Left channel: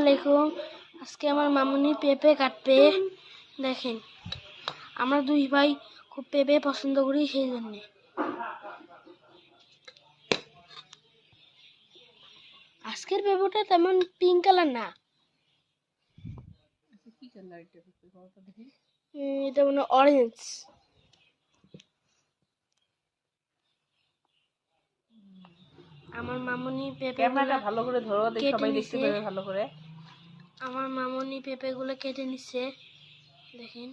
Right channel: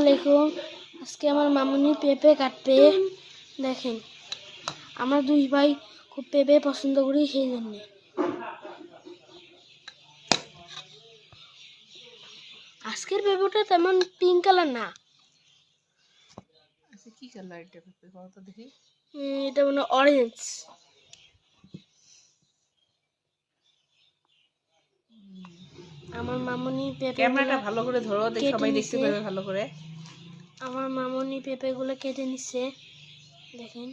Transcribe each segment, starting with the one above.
আলাইকুম। আজকে আমার মামুনি পেঁপে কাটবে। দেখেন আমরা দুই ভাই খুব পেঁপে পছন্দ করি সেই জন্যে। আজকের পেঁপেটা তেমন পিঙ্ক কালার না। আচ্ছা এটা মানে অরেঞ্জ আমার মামুনি পেঁপে ক্যামেরাটা ভালো করে ধরো দেখি সবাই দেখতে। পাবে ভালো করে। আমার মামুনি পেঁপেগুলো কেটে নিচ্ছে দেখেন।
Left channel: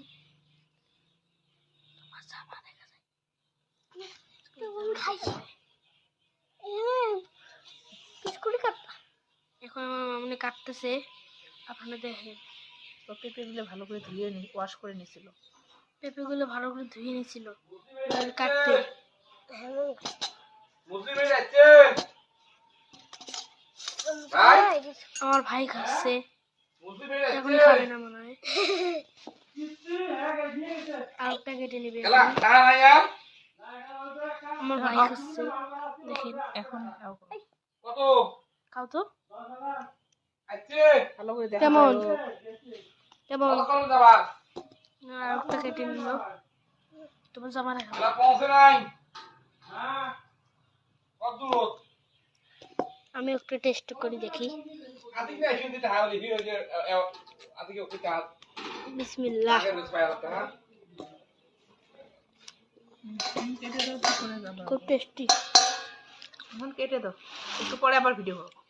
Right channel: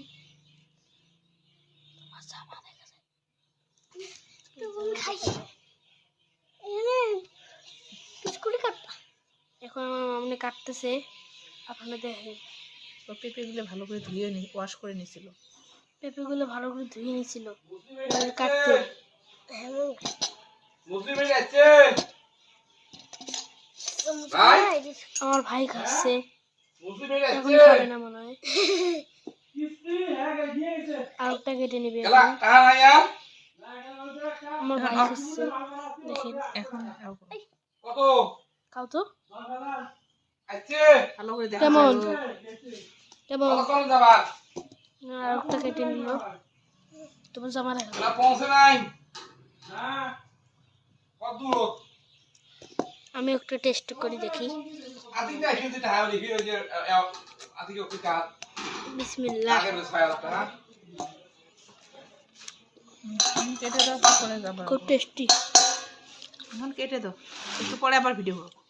এখন আমার মামনি কাটতেছে। আপনারা দেখেন। তো পেঁপেগুলো ভালো করে ধুয়ে নি ওয়াশ করে নিছিল। পেঁপেগুলো ভালো করে ধুয়ে নিছিল। কাটতে। আমার ভাই খাচ্ছে। এখন খাবে না মনে হয়। আরেকটা কেটে নিবে এখন। আমার ভাই খাচ্ছে। দেখেন এখন খাও তো। ভালো করে দেখা কেমন? কেমন? না, আরেকটা কেটে নিল। তোমার জামা দেখা যায়। আমি একটু টেস্ট করে দেখি। বিসমিল্লাহ। খুব টেস্টি এখন কেটে দাও। একটু পরে আবার ভিডিও করো